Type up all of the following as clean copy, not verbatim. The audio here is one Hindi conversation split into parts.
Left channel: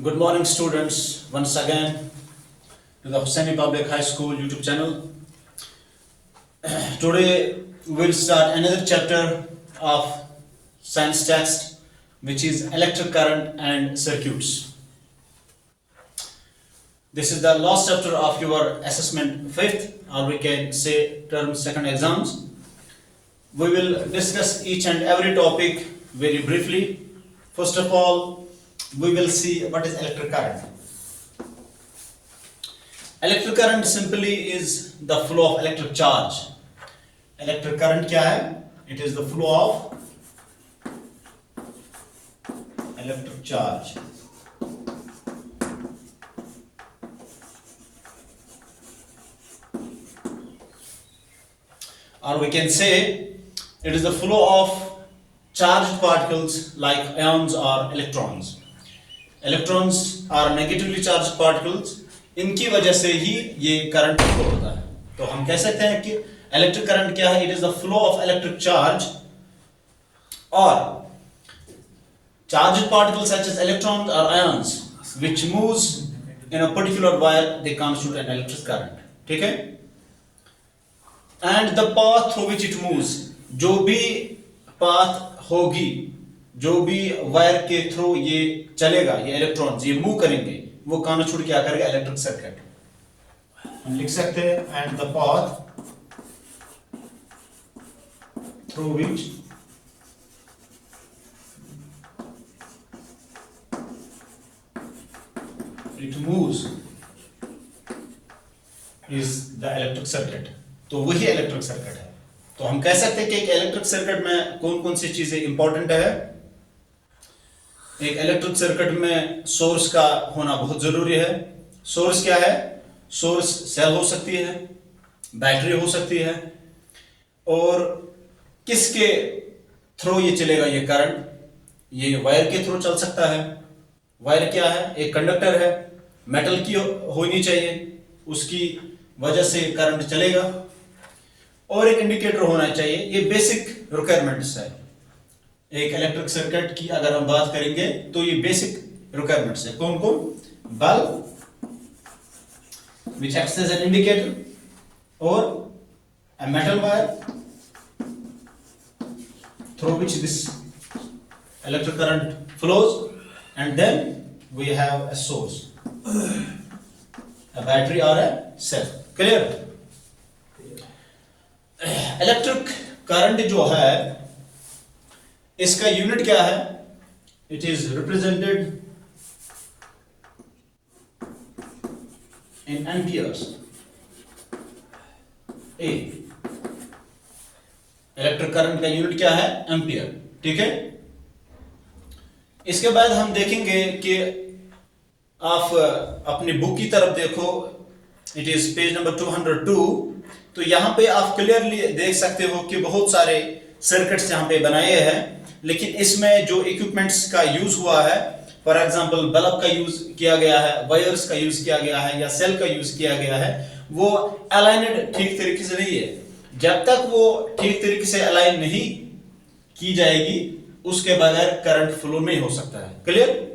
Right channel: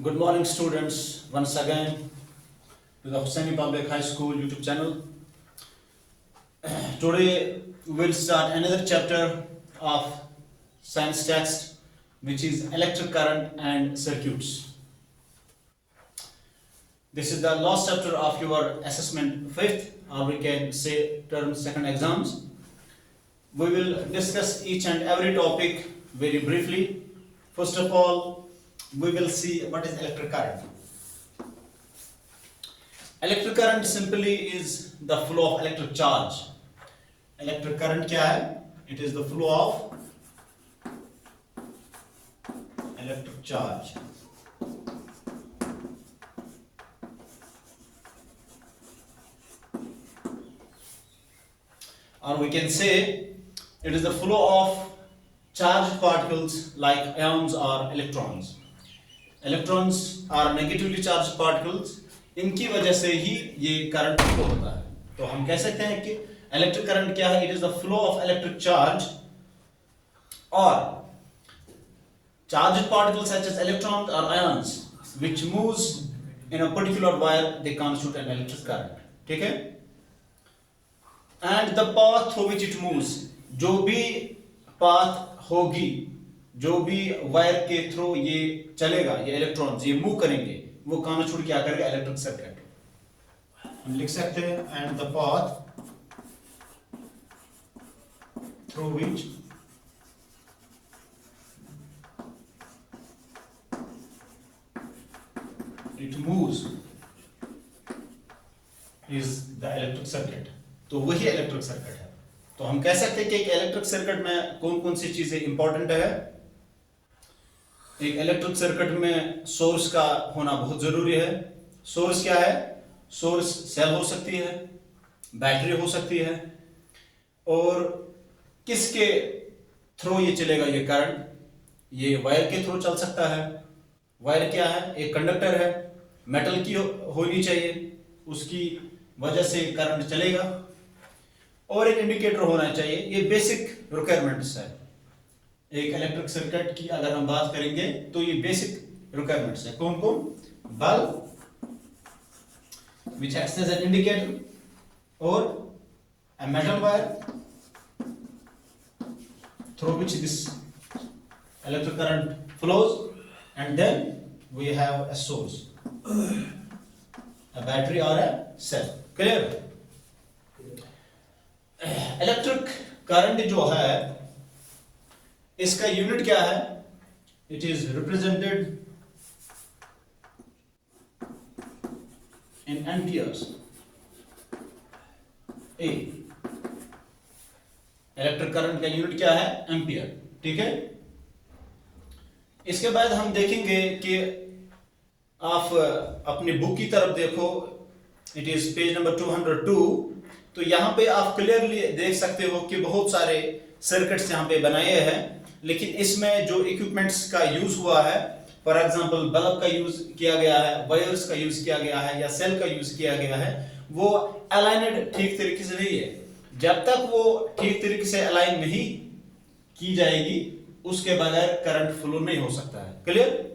Good morning, students. Once again to the Hosseini Public High School YouTube channel. Today we'll start another chapter of science text, which is electric current and circuits. This is the last chapter of your assessment fifth, or we can say term second exams. We will discuss each and every topic very briefly. First of all, we will see what is electric current. Electric current simply is the flow of electric charge. Electric current क्या है? It is the flow of electric charge. Or we can say it is the flow of charged particles like ions or electrons. Electrons are negatively charged particles. इनकी वजह से ही ये करंट फ्लो होता है. तो हम कह सकते हैं कि इलेक्ट्रिक करंट क्या है? It is the flow of electric charge और charged particles such as electrons or ions which moves in a particular wire, they constitute an electric current. ठीक है? And the path through which it moves, जो भी path होगी, जो भी वायर के थ्रू ये चलेगा, ये इलेक्ट्रॉन्स ये मूव करेंगे, वो कॉन्स्टिट्यूट क्या करेगा? Electric circuit. हम लिख सकते हैं and the path through which it moves is the electric circuit. तो वही इलेक्ट्रिक सर्किट है. तो हम कह सकते हैं कि एक इलेक्ट्रिक सर्किट में कौन कौन सी चीजें इंपॉर्टेंट है. एक इलेक्ट्रिक सर्किट में सोर्स का होना बहुत जरूरी है. सोर्स क्या है? सोर्स सेल हो सकती है, बैटरी हो सकती है, और किसके थ्रू ये चलेगा ये करंट? ये वायर के थ्रू चल सकता है. वायर क्या है? एक कंडक्टर है, मेटल की होनी चाहिए, उसकी वजह से करंट चलेगा, और एक इंडिकेटर होना चाहिए. ये बेसिक रिक्वायरमेंट्स है एक इलेक्ट्रिक सर्किट की. अगर हम बात करेंगे तो ये बेसिक रिक्वायरमेंट्स है. कौन कौन? Bulb which acts as an indicator, or a metal wire through which this electric current flows, and then we have a source, a battery or a cell. Clear? Electric current जो है इसका यूनिट क्या है? It is represented in amperes. A electric current का यूनिट क्या है? एम्पियर. ठीक है. इसके बाद हम देखेंगे कि आप अपनी बुक की तरफ देखो. It is page number 202. तो यहाँ पे आप क्लियरली देख सकते हो कि बहुत सारे सर्किट्स यहाँ पे बनाए हैं, लेकिन इसमें जो इक्विपमेंट्स का यूज हुआ है, फॉर एग्जांपल बल्ब का यूज किया गया है, वायर्स का यूज किया गया है, या सेल का यूज किया गया है, वो अलाइनड ठीक तरीके से नहीं है. जब तक वो ठीक तरीके से अलाइन नहीं की जाएगी, उसके बगैर करंट फ्लो नहीं हो सकता है. क्लियर?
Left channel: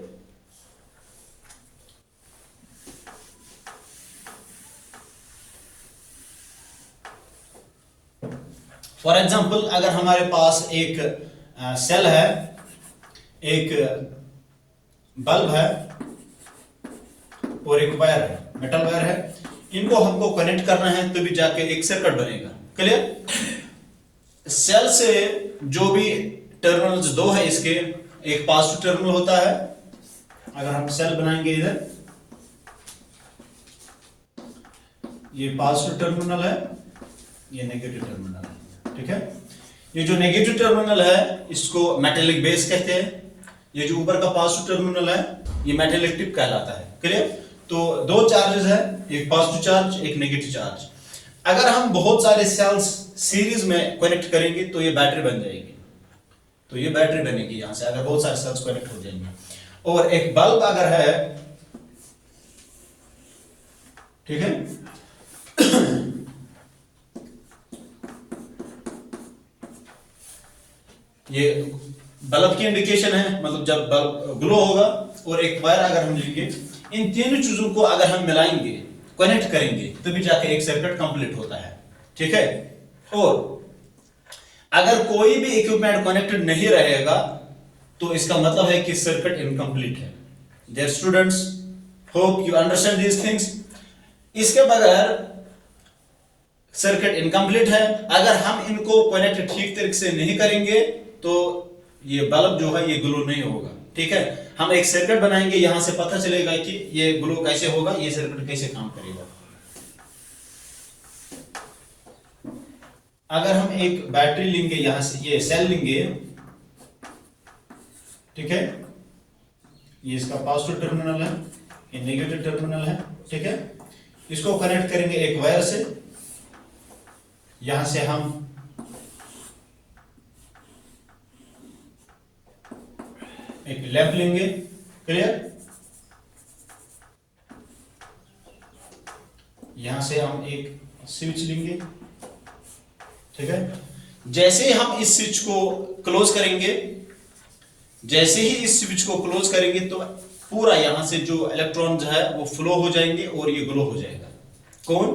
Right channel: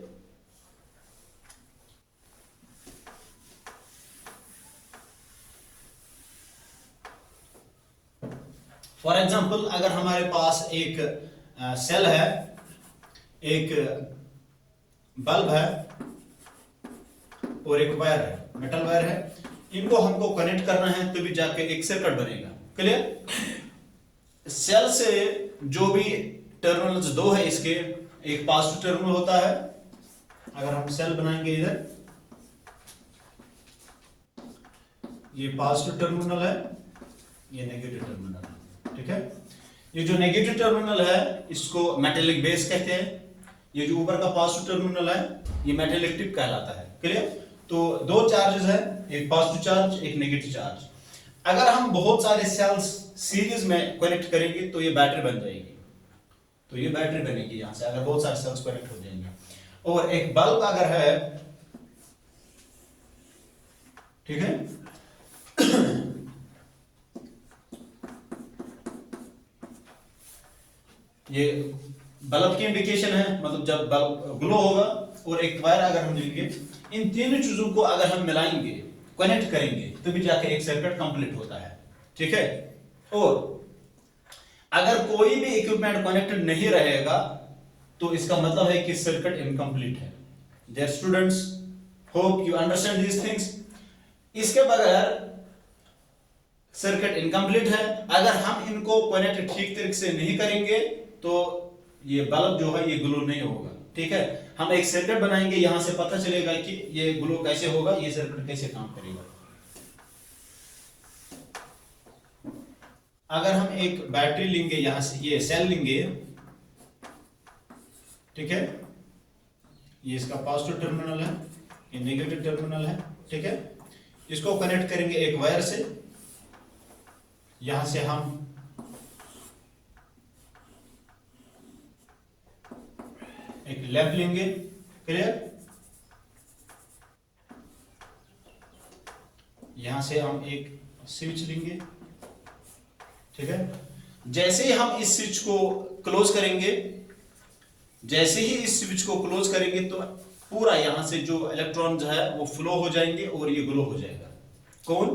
फॉर एग्जाम्पल अगर हमारे पास एक सेल है, एक बल्ब है, और एक वायर है, मेटल वायर है, इनको हमको कनेक्ट करना है तभी जाके एक सर्किट बनेगा. क्लियर? सेल से जो भी टर्मिनल्स दो है इसके, एक पॉजिटिव टर्मिनल होता है. अगर हम सेल बनाएंगे इधर, ये पॉजिटिव टर्मिनल है, ये नेगेटिव टर्मिनल है. ठीक है. ये जो नेगेटिव टर्मिनल है इसको मेटेलिक बेस कहते हैं. ये जो ऊपर का पॉजिटिव टर्मिनल है ये मेटेलिक टिप कहलाता है. क्लियर? तो दो चार्जेस है, एक पॉजिटिव चार्ज, एक नेगेटिव चार्ज. अगर हम बहुत सारे सेल्स सीरीज में कनेक्ट करेंगे तो ये बैटरी बन जाएगी. तो ये बैटरी बनेगी यहां से, अगर बहुत सारे सेल्स कनेक्ट हो जाएंगे. और एक बल्ब अगर है, ठीक है, ये बल्ब की इंडिकेशन है, मतलब जब बल्ब ग्लो होगा और एक वायर अगर हम लेंगे, इन तीनों चीजों को अगर हम मिलाएंगे, कनेक्ट करेंगे, तभी जाकर एक सर्किट कंप्लीट होता है। ठीक है। और अगर कोई भी इक्विपमेंट कनेक्टेड नहीं रहेगा तो इसका मतलब है कि सर्किट इनकम्प्लीट है। Dear students, hope you understand these things. इसके बगैर सर्किट इनकम्प्लीट है। अगर हम इनको कनेक्ट ठीक तरीके से नहीं करेंगे तो ये बल्ब जो है ये ग्लो नहीं होगा। ठीक है। हम एक सर्किट बनाएंगे, यहां से पता चलेगा कि ये ग्लो कैसे होगा, ये सर्किट कैसे काम करेगा। अगर हम एक बैटरी लेंगे, यहां से ये सेल लेंगे, ठीक है, ये इसका पॉजिटिव टर्मिनल है, ये नेगेटिव टर्मिनल है। ठीक है। इसको कनेक्ट करेंगे एक वायर से, यहां से हम एक लैंप लेंगे। क्लियर। यहां से हम एक स्विच लेंगे। ठीक है। जैसे ही हम इस स्विच को क्लोज करेंगे, जैसे ही इस स्विच को क्लोज करेंगे तो पूरा यहां से जो इलेक्ट्रॉन है वो फ्लो हो जाएंगे और ये ग्लो हो जाएगा। कौन?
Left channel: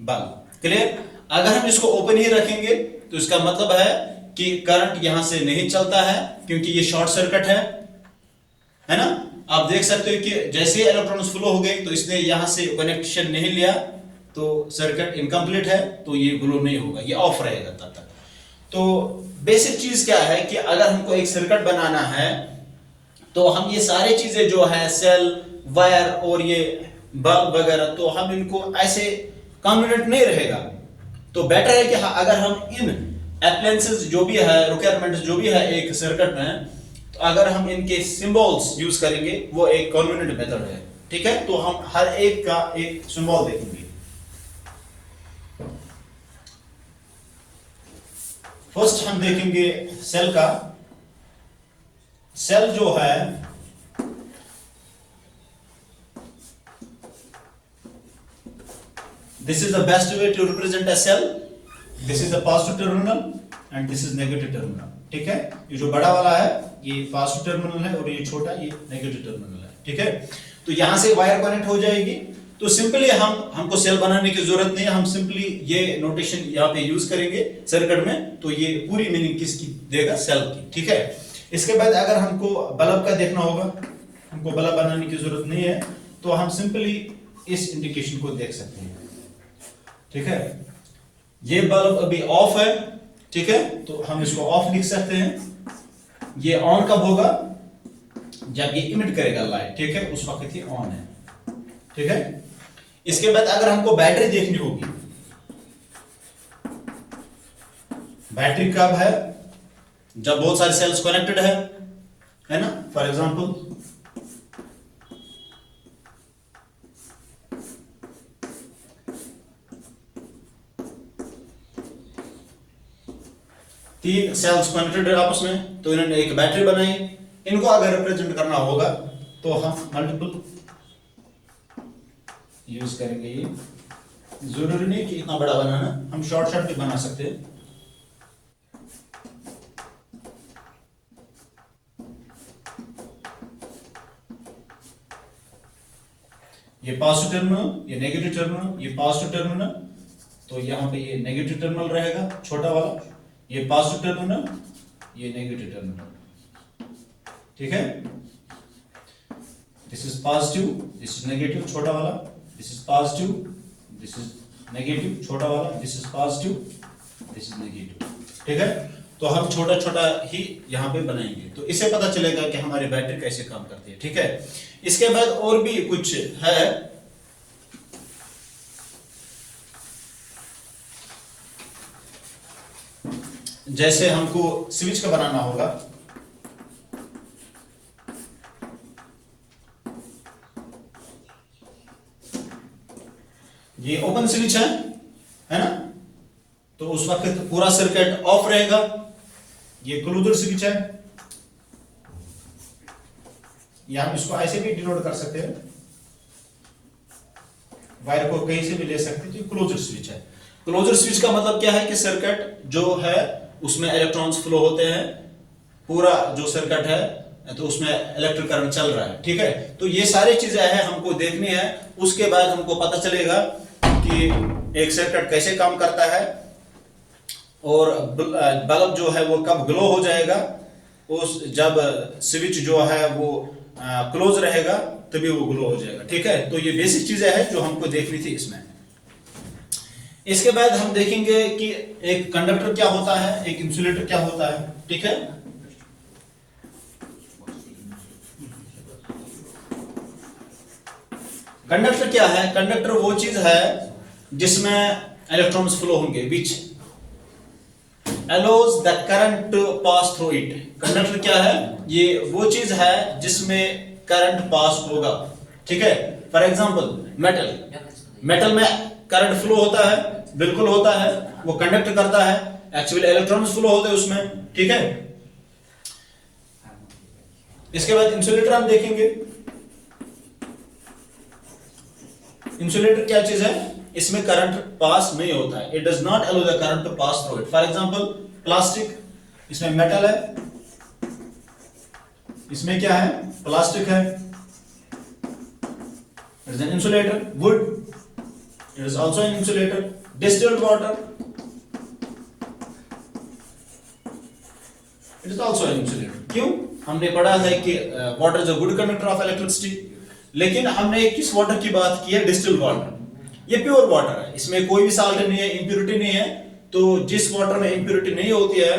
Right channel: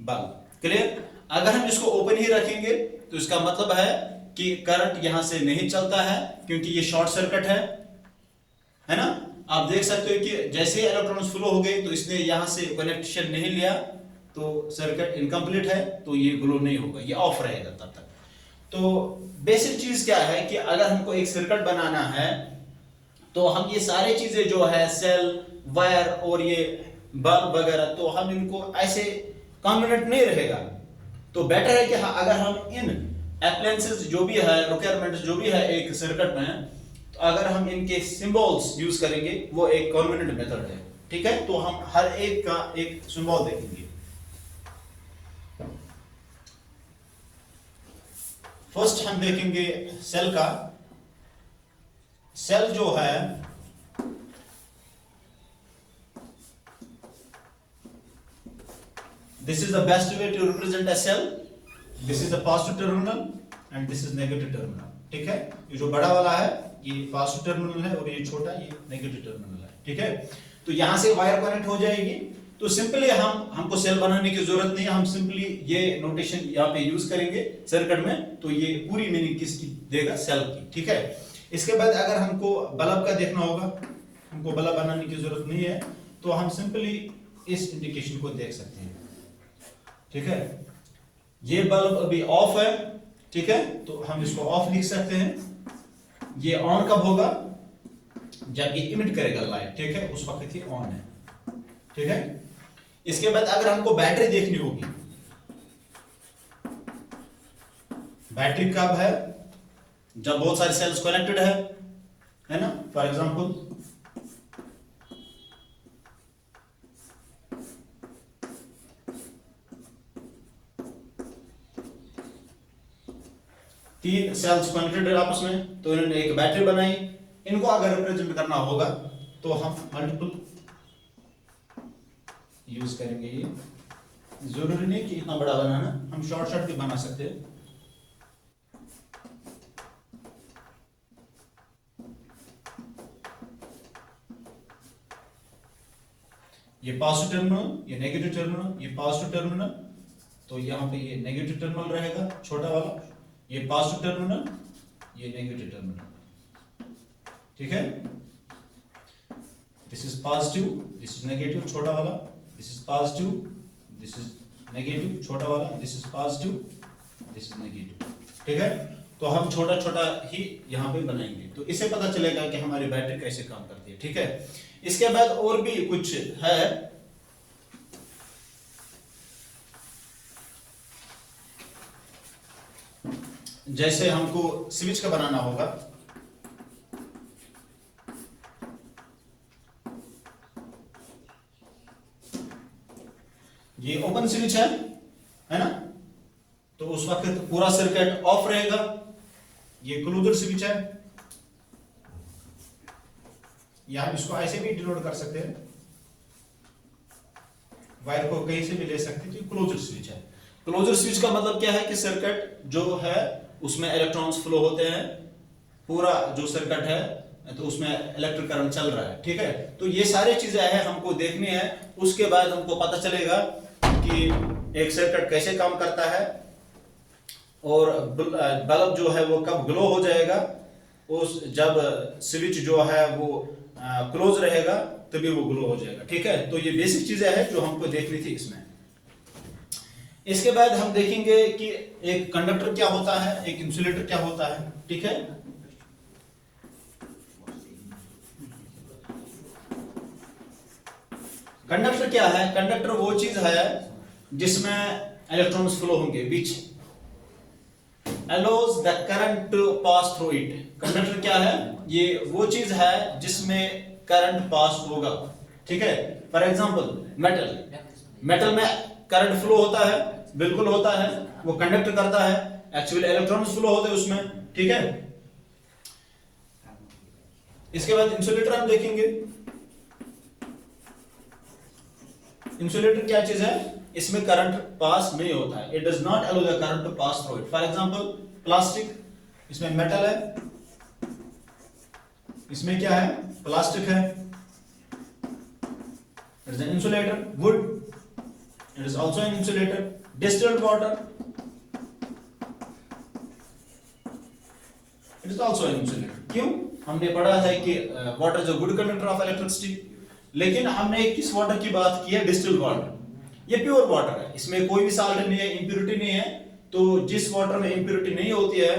बल्ब। क्लियर। अगर हम इसको ओपन ही रखेंगे तो इसका मतलब है कि करंट यहां से नहीं चलता है, क्योंकि ये शॉर्ट सर्किट है ना। आप देख सकते हो कि जैसे ही इलेक्ट्रॉन्स फ्लो हो गए तो इसने यहां से कनेक्शन नहीं लिया तो सर्किट इनकम्प्लीट है, तो ये ग्लो नहीं होगा, ये ऑफ रहेगा तब तक। तो बेसिक चीज क्या है कि अगर हमको एक सर्किट बनाना है तो हम ये सारी चीजें जो है सेल, वायर और ये बल्ब वगैरह, तो हम इनको ऐसे कॉन्वेनेंट नहीं रहेगा। तो बेटर है कि अगर हम इन एप्लायंसेस जो भी है, रिक्वायरमेंट्स जो भी है एक सर्किट में, तो अगर हम इनके सिंबल्स यूज करेंगे वो एक कॉन्वेनेंट मेथड है। ठीक है। तो हम हर एक का एक सिंबल देखेंगे। फर्स्ट हम देखेंगे सेल का। सेल जो है this is the best way to represent a cell. This is the positive terminal and this is negative terminal. ठीक है। ये जो बड़ा वाला है ये पॉजिटिव टर्मिनल है और ये छोटा ये नेगेटिव टर्मिनल है। ठीक है। तो यहां से वायर कनेक्ट हो जाएगी। तो सिंपली हमको सेल बनाने की जरूरत नहीं है, हम सिंपली ये नोटेशन यहाँ पे यूज करेंगे सर्किट में, तो ये पूरी मीनिंग किसकी देगा? सेल की। ठीक है। इसके बाद अगर हमको बल्ब का देखना होगा, हमको बल्ब बनाने की जरूरत नहीं है, तो हम सिंपली इस इंडिकेशन को देख सकते हैं। ठीक है। ये बल्ब अभी ऑफ है। ठीक है। तो हम इसको ऑफ लिख सकते हैं। ये ऑन कब होगा? जब ये इमिट करेगा लाइट। ठीक है। उस वक्त ये ऑन है। ठीक है। इसके बाद अगर हमको बैटरी देखनी होगी, बैटरी कब है? जब बहुत सारे सेल्स कनेक्टेड है ना। फॉर एग्जांपल तीन सेल्स कनेक्टेड है आपस में, तो इन्होंने एक बैटरी बनाई। इनको अगर रिप्रेजेंट करना होगा तो हम मल्टीपल यूज करेंगे। ये जरूरी नहीं कि इतना बड़ा बनाना, हम शॉर्ट भी बना सकते हैं। ये पॉजिटिव टर्मिनल, ये नेगेटिव टर्मिनल, ये पॉजिटिव टर्मिनल, तो यहां पे ये नेगेटिव टर्मिनल रहेगा छोटा वाला, ये पॉजिटिव टर्मिनल, ये नेगेटिव टर्मिनल। ठीक है। This is positive, this is negative छोटा वाला, this is positive, this is negative छोटा वाला, this is positive, this is negative. ठीक है। तो हम छोटा छोटा ही यहां पे बनाएंगे, तो इससे पता चलेगा कि हमारी बैटरी कैसे काम करती है। ठीक है। इसके बाद और भी कुछ है। जैसे हमको स्विच का बनाना होगा, ये ओपन स्विच है ना, तो उस वक्त पूरा सर्किट ऑफ रहेगा। ये क्लोज्ड स्विच है, या हम इसको ऐसे भी डिनोट कर सकते हैं, वायर को कहीं से भी ले सकते हैं। तो क्लोज्ड स्विच है। क्लोज्ड स्विच का मतलब क्या है कि सर्किट जो है उसमें इलेक्ट्रॉन्स फ्लो होते हैं, पूरा जो सर्किट है तो उसमें इलेक्ट्रिक करंट चल रहा है, ठीक है। तो ये सारी चीजें हैं हमको देखनी है, उसके बाद हमको पता चलेगा कि एक सर्किट कैसे काम करता है और बल्ब जो है वो कब ग्लो हो जाएगा, उस जब स्विच जो है वो क्लोज रहेगा तभी वो ग्लो हो जाएगा, ठीक है। तो ये बेसिक चीजें हैं जो हमको देखनी थी इसमें। इसके बाद हम देखेंगे कि एक कंडक्टर क्या होता है, एक इंसुलेटर क्या होता है, ठीक है। कंडक्टर क्या है? कंडक्टर वो चीज है जिसमें इलेक्ट्रॉन्स फ्लो होंगे, विच allows the current to pass through it। Conductor क्या है? ये वो चीज है जिसमें करंट पास होगा, ठीक है। फॉर एग्जांपल मेटल में करंट फ्लो होता है, बिल्कुल होता है, वो कंडक्ट करता है, एक्चुअली इलेक्ट्रॉन्स फ्लो होते हैं उसमें, ठीक है। इसके बाद इंसुलेटर हम देखेंगे। इंसुलेटर क्या चीज है? इसमें करंट पास नहीं होता है, it does not allow the current to pass through it. For example plastic, इसमें मेटल है, इसमें क्या है? प्लास्टिक है, it is an insulator. Wood, it is also an insulator. Distilled water, it is also an insulator. क्यों? हमने पढ़ा है कि water is a good conductor of electricity, लेकिन हमने किस वाटर की बात की है? Distilled water. ये प्योर वाटर है, इसमें कोई भी साल्ट नहीं है, इंप्योरिटी नहीं है। तो जिस वाटर में इंप्योरिटी नहीं होती है,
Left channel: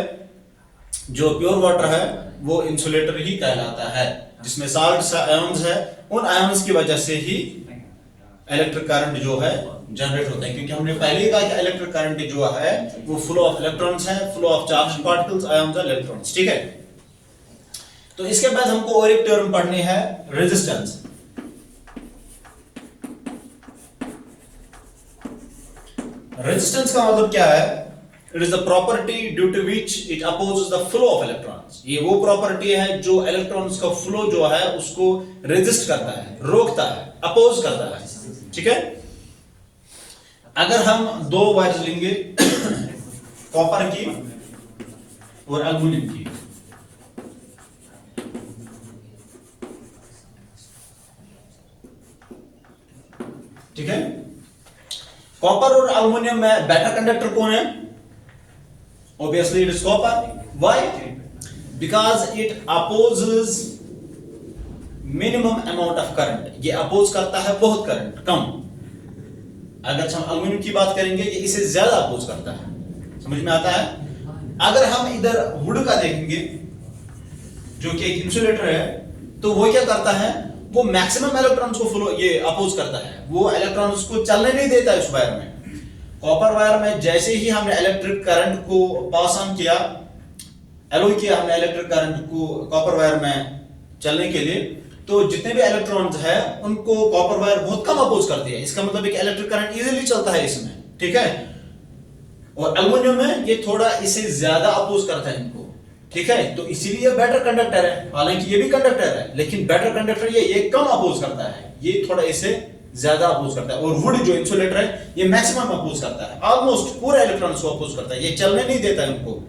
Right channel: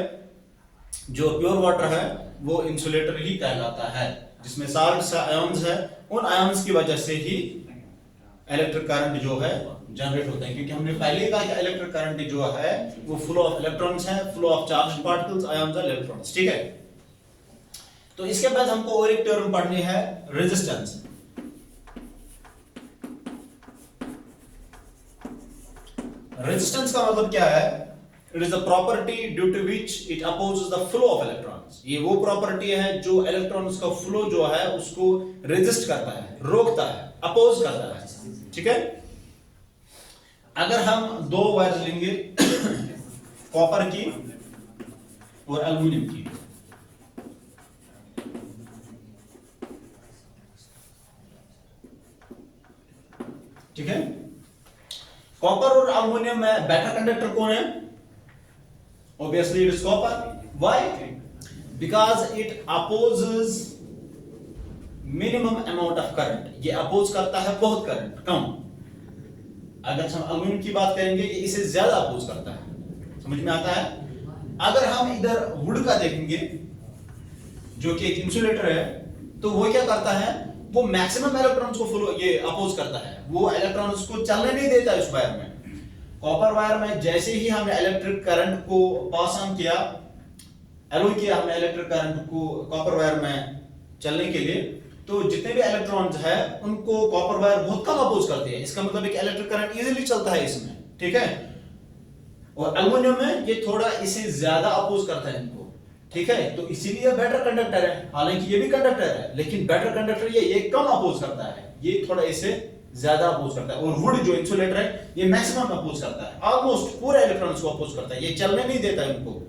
जो प्योर वाटर है, वो इंसुलेटर ही कहलाता है। जिसमें साल्ट आयंस है, उन आयंस की वजह से ही इलेक्ट्रिक करंट जो है जनरेट होता है। क्योंकि हमने पहले ही कहा कि इलेक्ट्रिक करंट जो है वो फ्लो ऑफ इलेक्ट्रॉन्स है, flow of charge particles, ions और इलेक्ट्रॉन्स, ठीक है। तो इसके बाद हमको और एक टर्म पढ़नी है, रेजिस्टेंस। रेजिस्टेंस का मतलब क्या है? It is the property due to which it opposes the flow of electrons. ये वो प्रॉपर्टी है जो इलेक्ट्रॉन्स का फ्लो जो है उसको रेजिस्ट करता है, रोकता है, अपोज करता है, ठीक है। अगर हम दो वायर्स लेंगे कॉपर की और एल्युमिनियम की, ठीक है। कॉपर और एल्युमिनियम में बेटर कंडक्टर कौन है? Obviously it is copper. Why? Because it opposes minimum amount of current. ये अपोज करता है बहुत करंट कम। अगर हम एल्युमिनियम की बात करेंगे, ये इसे ज्यादा अपोज करता है, समझ में आता है। अगर हम इधर वुड का देखेंगे जो कि एक इंसुलेटर है, तो वो क्या करता है? वो मैक्सिमम इलेक्ट्रॉन्स को फ्लो ये अपोज करता है, वो इलेक्ट्रॉन्स को चलने नहीं देता इस वायर में। कॉपर वायर में जैसे ही हमने इलेक्ट्रिक करंट को पास ऑन किया, अलो किया हमने इलेक्ट्रिक करंट को कॉपर वायर में चलने के लिए, तो जितने भी इलेक्ट्रॉन्स हैं उनको कॉपर वायर बहुत कम अपोज करती है। इसका मतलब है कि इलेक्ट्रिक करंट इजीली चलता है इसमें, ठीक है। और एल्युमिनियम में ये थोड़ा इसे ज्यादा अपोज करता है इनको, ठीक है। तो इसीलिए बेटर कंडक्टर है। हालांकि ये भी कंडक्टर है, लेकिन बेटर कंडक्टर ये कम अपोज करता है, ये थोड़ा इसे ज्यादा अपोज करता है। और वुड जो इंसुलेटर है, ये मैक्सिमम अपोज करता है, ऑलमोस्ट पूरे इलेक्ट्रॉन्स को अपोज करता है, ये चलने नहीं देता है उनको।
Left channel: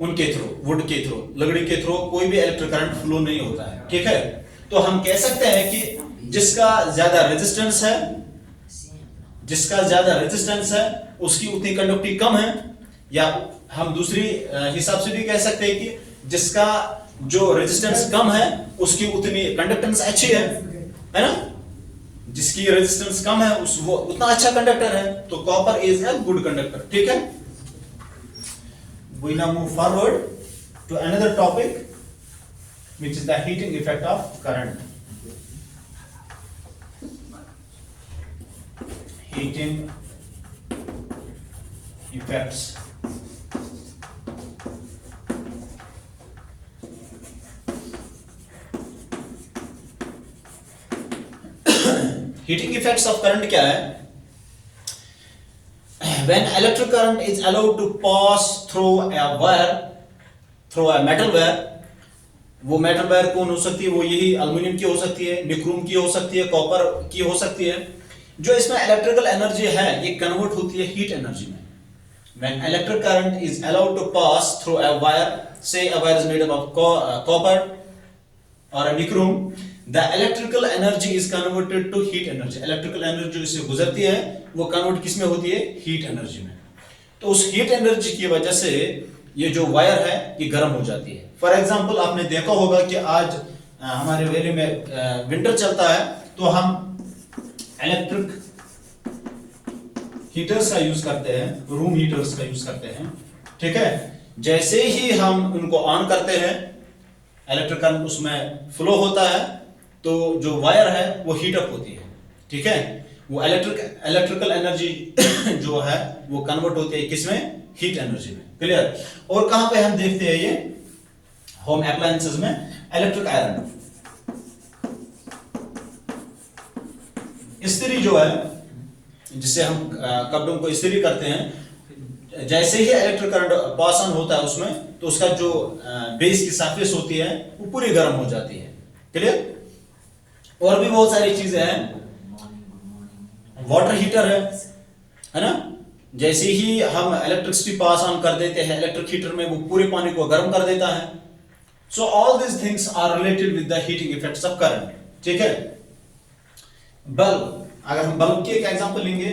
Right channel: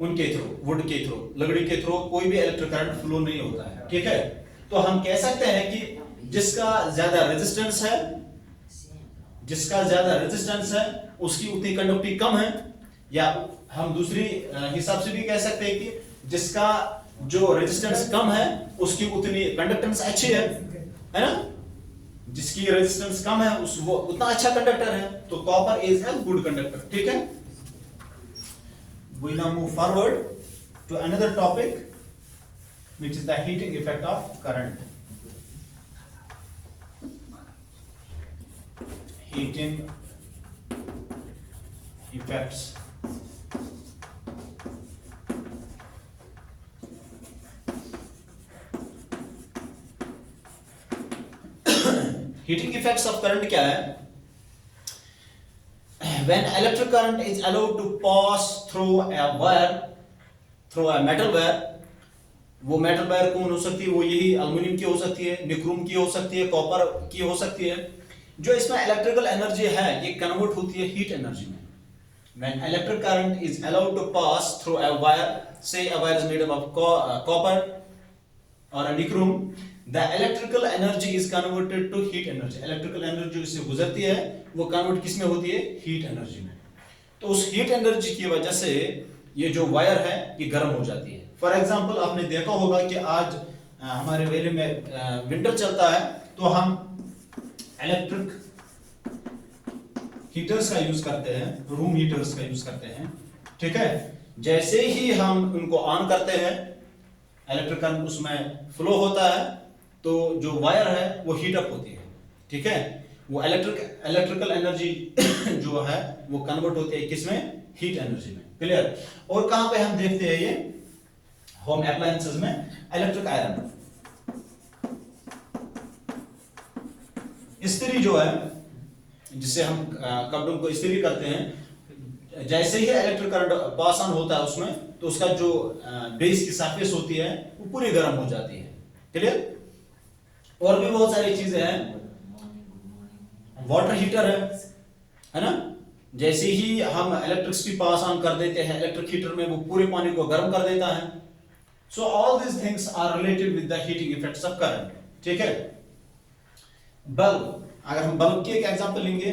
उनके थ्रू, वुड के थ्रू, लकड़ी के थ्रू कोई भी इलेक्ट्रिक करंट फ्लो नहीं होता है, ठीक है। तो हम कह सकते हैं कि जिसका ज्यादा रेजिस्टेंस है, जिसका ज्यादा रेजिस्टेंस है उसकी उतनी कंडक्टिविटी कम है। या हम दूसरी हिसाब से भी कह सकते हैं कि जिसका जो रेजिस्टेंस कम है उसकी उतनी कंडक्टेंस अच्छी है ना। जिसकी रेजिस्टेंस कम है वो उतना अच्छा कंडक्टर है। तो copper is a good conductor, ठीक है। We now move forward to another topic, which is the heating effect of current. Heating effects. Heating effects of current क्या है? When electric current is allowed to pass through a wire, through a metal wire, वो मेटल वायर कौन हो सकती है? वो यही एल्युमिनियम की हो सकती है, निक्रोम की हो सकती है, कॉपर की हो सकती है। जो इसमें इलेक्ट्रिकल एनर्जी है ये कन्वर्ट होती है हीट एनर्जी में। When electric current is allowed to pass through a wire, say a wire is made up of copper or a nichrome, the electrical energy is converted to heat energy. Electrical energy जो इससे गुजरती है वो कन्वर्ट किस में होती है? हीट एनर्जी में। तो उस हीट एनर्जी की वजह से ये जो वायर है ये गर्म हो जाती है। फॉर एग्जांपल आपने देखा होगा कि आज हमारे एरिया में विंटर चलता है तो हम इलेक्ट्रिक हीटर्स का यूज करते हैं, रूम हीटर्स का यूज करते हैं, ठीक है। जैसे ही हम उनको ऑन करते हैं इलेक्ट्रिक करंट उसमें फ्लो होता है तो जो वायर है वो हीट अप होती है, ठीक है। वो इलेक्ट्रिकल एनर्जी जो है वो कन्वर्ट होती है किसमें? हीट एनर्जी में। क्लियर? और कहां पे हम देखते हैं ये? होम अप्लायंसेस में इलेक्ट्रिक आयरन, इस्त्री जो है जिससे हम कपड़ों को इस्त्री करते हैं, जैसे ही इलेक्ट्रिक करंट पास ऑन होता है उसमें तो उसका जो बेस की सरफेस होती है वो पूरी गर्म हो जाती है। क्लियर? और भी बहुत सारी चीजें हैं। वाटर हीटर है ना, जैसे ही हम इलेक्ट्रिसिटी पास ऑन कर देते हैं इलेक्ट्रिक हीटर में वो पूरे पानी को गर्म कर देता है। So all this things are related with the heating effects of current, ठीक है। बल्ब, अगर हम बल्ब की एक एग्जांपल लेंगे,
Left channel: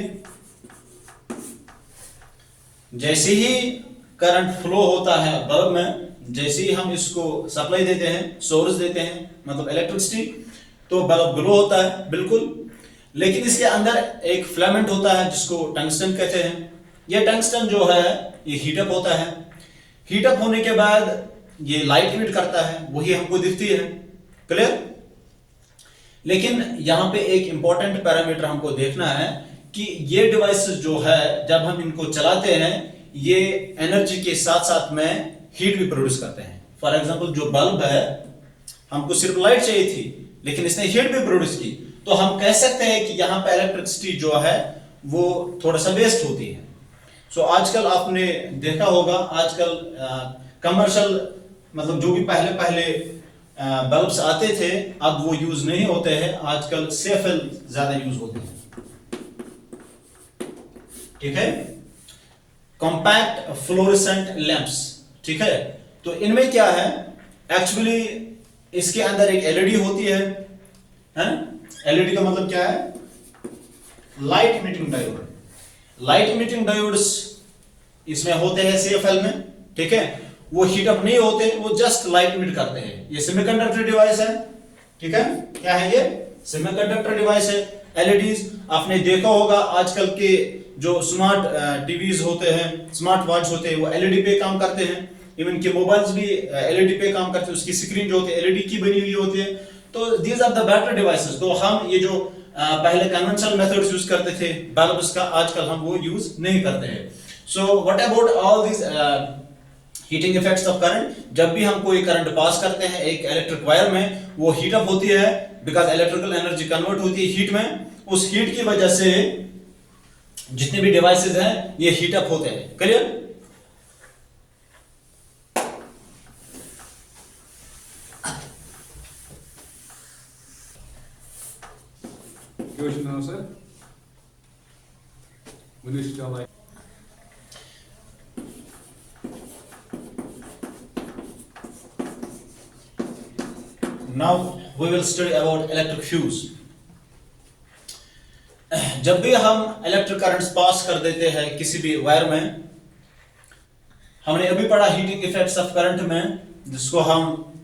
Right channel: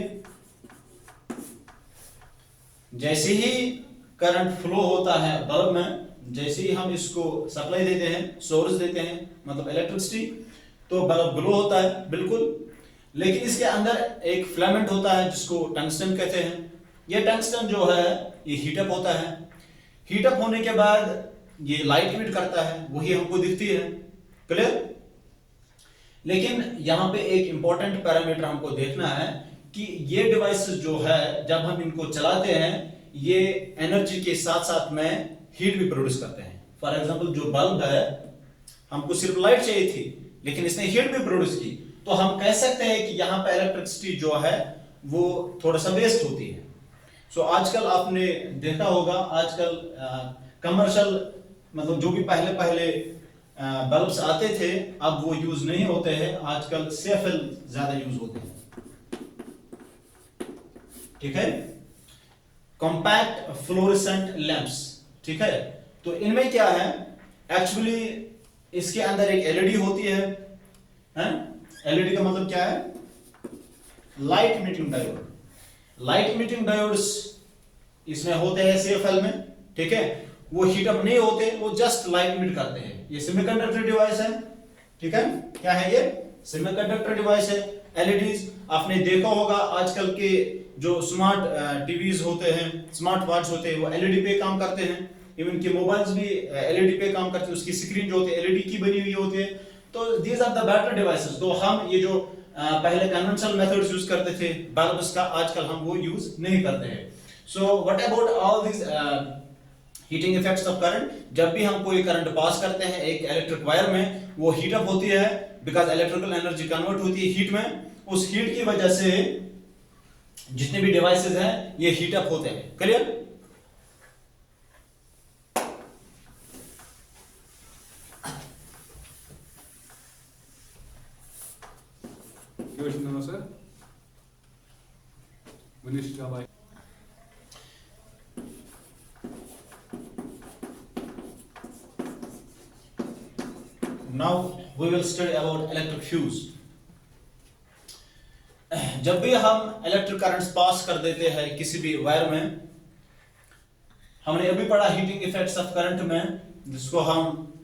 जैसे ही करंट फ्लो होता है बल्ब में, जैसे ही हम इसको सप्लाई देते हैं, सोर्स देते हैं मतलब इलेक्ट्रिसिटी, तो बल्ब ग्लो होता है बिल्कुल। लेकिन इसके अंदर एक फिलामेंट होता है जिसको टंगस्टन कहते हैं। ये टंगस्टन जो है ये हीटअप होता है। हीटअप होने के बाद ये लाइट इमिट करता है, वही हमको दिखती है। क्लियर? लेकिन यहां पे एक इंपॉर्टेंट पैरामीटर हमको देखना है कि ये डिवाइसेस जो है जब हम इनको चलाते हैं ये एनर्जी के साथ साथ में हीट भी प्रोड्यूस करते हैं। फॉर एग्जांपल जो बल्ब है हमको सिर्फ लाइट चाहिए थी लेकिन इसने हीट भी प्रोड्यूस की, तो हम कह सकते हैं कि यहाँ पे इलेक्ट्रिसिटी जो है वो थोड़ा सा वेस्ट होती है। सो आजकल आपने देखा होगा आजकल कमर्शियल मतलब जो भी पहले पहले बल्ब्स आते थे अब वो यूज नहीं होते हैं, आजकल सेफेल ज्यादा यूज होते हैं, ठीक है। कॉम्पैक्ट फ्लोरेसेंट लैंप्स, ठीक है। तो इनमें क्या है, एक्चुअली इसके अंदर एक एलईडी होती है, हैं? एलईडी का मतलब क्या है? Light emitting diode. Light emitting diodes इसमें होते हैं सीएफएल में, ठीक है। वो हीट अप नहीं होते, वो जस्ट लाइट इमिट करते हैं। ये सेमीकंडक्टर डिवाइस है, ठीक है। क्या है ये? सेमीकंडक्टर डिवाइस है। एलईडीज आपने देखा होगा आजकल के जो स्मार्ट टीवीज होते हैं, स्मार्ट वॉच होते हैं, वो एलईडी पे काम करते हैं। इवन के मोबाइल्स भी एलईडी पे काम करते हैं, उसकी स्क्रीन जो होती है एलईडी की बनी हुई होती है। तो these are the better devices. तो हम ये जो पहले कन्वेंशनल मेथड्स यूज करते थे बल्ब्स का, आजकल हम वो यूज नहीं करते हैं। So what about all this heating effects of current? जब भी हम कोई करंट पास करते हैं एक इलेक्ट्रिक वायर में, वो हीट अप होती है बिकॉज इलेक्ट्रिकल एनर्जी कन्वर्ट होती है हीट में। उस हीट की वजह से जितने भी डिवाइसेस हैं ये हीट अप होते हैं। Clear? Sir. Minister. Now we will study about electric fuse. जब भी हम इलेक्ट्रिक करंट्स पास कर देते हैं किसी भी वायर में, हमने अभी पढ़ा हीटिंग इफेक्ट्स ऑफ करंट में, जिसको हम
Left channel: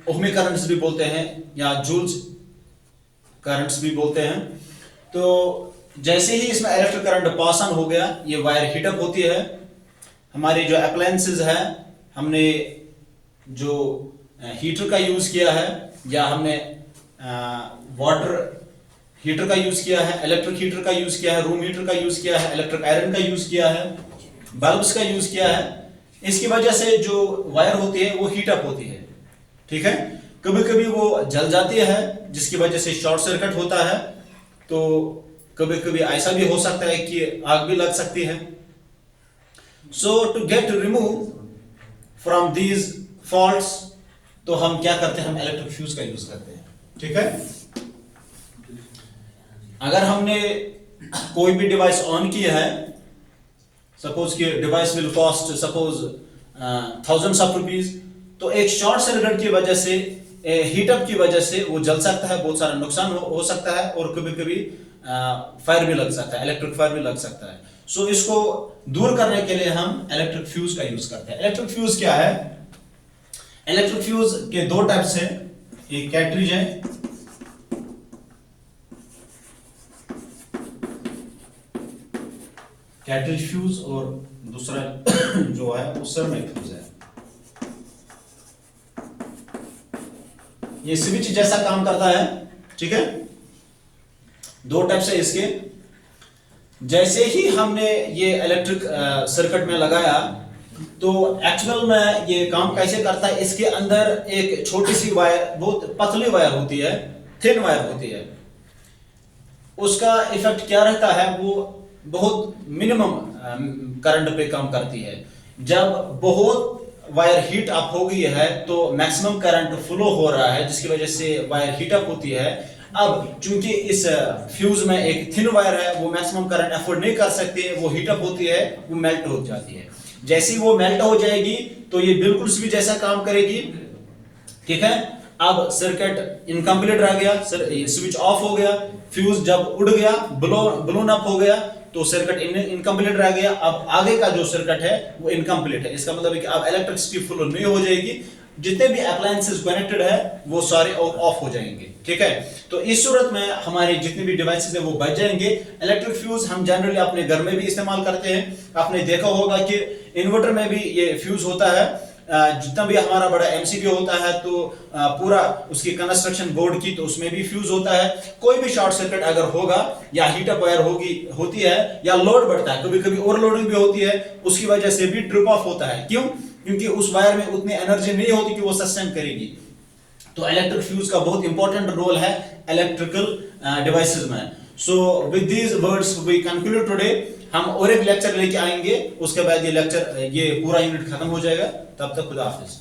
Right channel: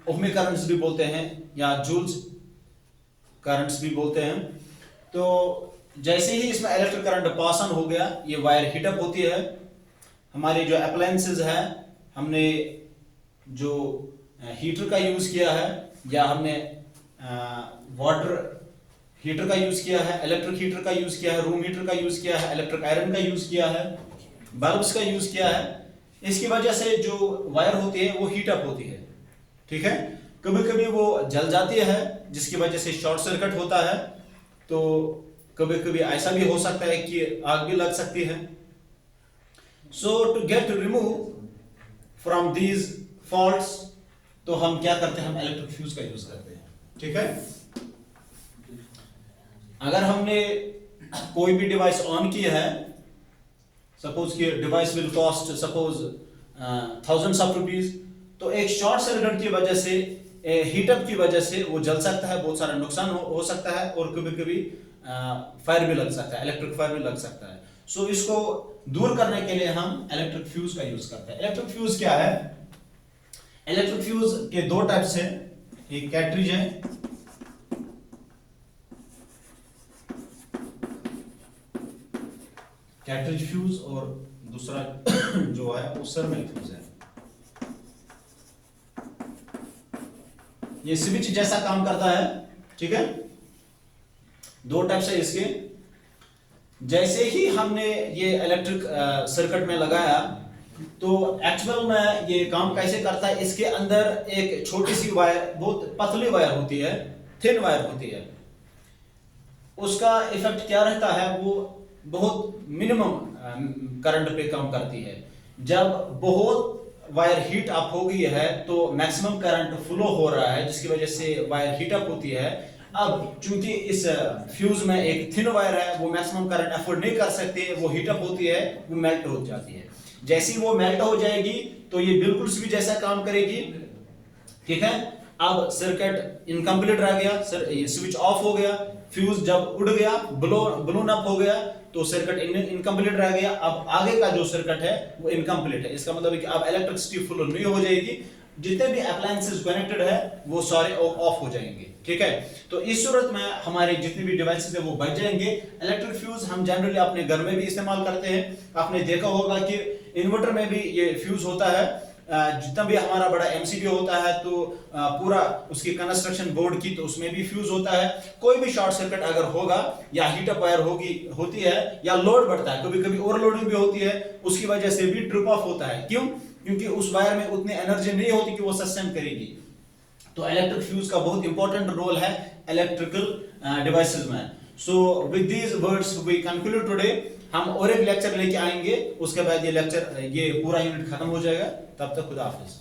ओहमिक करंट्स भी बोलते हैं या जूल्स करंट्स भी बोलते हैं। तो जैसे ही इसमें इलेक्ट्रिक करंट पास ऑन हो गया ये वायर हीट अप होती है। हमारे जो अप्लायंसेस है, हमने जो हीटर का यूज किया है या हमने वाटर हीटर का यूज किया है, इलेक्ट्रिक हीटर का यूज किया है, रूम हीटर का यूज किया है, इलेक्ट्रिक आयरन का यूज किया है, बल्ब्स का यूज किया है, इसकी वजह से जो वायर होती है वो हीट अप होती है, ठीक है। कभी कभी वो जल जाती है जिसकी वजह से शॉर्ट सर्किट होता है। तो कभी कभी ऐसा भी हो सकता है कि आग भी लग सकती है। So to get remove from these faults, तो हम क्या करते हैं, हम इलेक्ट्रिक फ्यूज का यूज करते हैं, ठीक है। अगर हमने कोई भी डिवाइस ऑन की है सपोज कि device will cost suppose thousands of rupees, तो एक शॉर्ट सर्किट की वजह से, हीटअप की वजह से वो जल सकता है, बहुत सारा नुकसान हो सकता है, और कभी कभी फायर भी लग सकता है, इलेक्ट्रिक फायर भी लग सकता है। सो इसको दूर करने के लिए हम इलेक्ट्रिक फ्यूज का यूज करते हैं। इलेक्ट्रिक फ्यूज क्या है? इलेक्ट्रिक फ्यूज के दो टाइप्स है, एक कैट्रिज है, कैट्रिज फ्यूज, और दूसरा जो है वो सरमेट फ्यूज है। ये स्विच जैसा काम करता है, ठीक है। दो टाइप्स है इसके। जैसे ही हमने ये इलेक्ट्रिक सर्किट में लगाया, तो एक्चुअल में ये काम कैसे करता है, इसके अंदर एक छोटी सी वायर, बहुत पतली वायर होती है, थिन वायर होती है, उसका इफेक्ट क्या रहता है, वो बहुत मिनिमम करंट पे काम करती है। जब बहुत वायर हीट अप हो गई है तो मैक्सिमम करंट फ्लो हो रहा है, जिसकी वजह से वायर हीट अप होती है। अब चूंकि इस फ्यूज में एक थिन वायर है, वो मैक्सिमम करंट अफोर्ड नहीं कर सकती, वो हीट अप होती है, वो मेल्ट हो जाती है। जैसे ही वो मेल्ट हो जाएगी तो ये बिल्कुल स्विच जैसा काम करेगी, ठीक है। अब सर्किट इनकम्प्लीट रह गया, स्विच ऑफ हो गया, फ्यूज जब उड़ गया, ब्लोन अप हो गया, तो सर्किट इनकम्प्लीट रह गया। अब आगे का जो सर्किट है वो इनकम्प्लीट है। इसका मतलब है कि अब इलेक्ट्रिसिटी फ्लो नहीं हो जाएगी, जितने भी अप्लायंसेस कनेक्टेड है वो सारे ऑफ हो जाएंगे, ठीक है। तो इस सूरत में हमारे जितने भी डिवाइसेस है वो बच जाएंगे। इलेक्ट्रिक फ्यूज हम जनरली अपने घर में भी इस्तेमाल करते हैं। आपने देखा होगा कि इन्वर्टर में भी ये फ्यूज होता है। जितना भी हमारा बड़ा एमसीबी होता है, तो पूरा उसकी कंस्ट्रक्शन बोर्ड की, तो उसमें भी फ्यूज होता है। कोई भी शॉर्ट सर्किट अगर होगा, या हीटअप वायर होती है, या लोड बढ़ता है, कभी कभी ओवरलोडिंग भी होती है, उसकी वजह से भी ट्रिप ऑफ होता है। क्यों? क्योंकि उस वायर में उतनी एनर्जी नहीं होती कि वो सस्टेन करेगी। तो इलेक्ट्रिक फ्यूज का बहुत इंपॉर्टेंट रोल है इलेक्ट्रिकल डिवाइसेस में। So with these words we conclude today. हम और एक लेक्चर लेके आएंगे, उसके बाद ये लेक्चर, ये पूरा यूनिट खत्म हो जाएगा। तब तक खुदा हाफिज।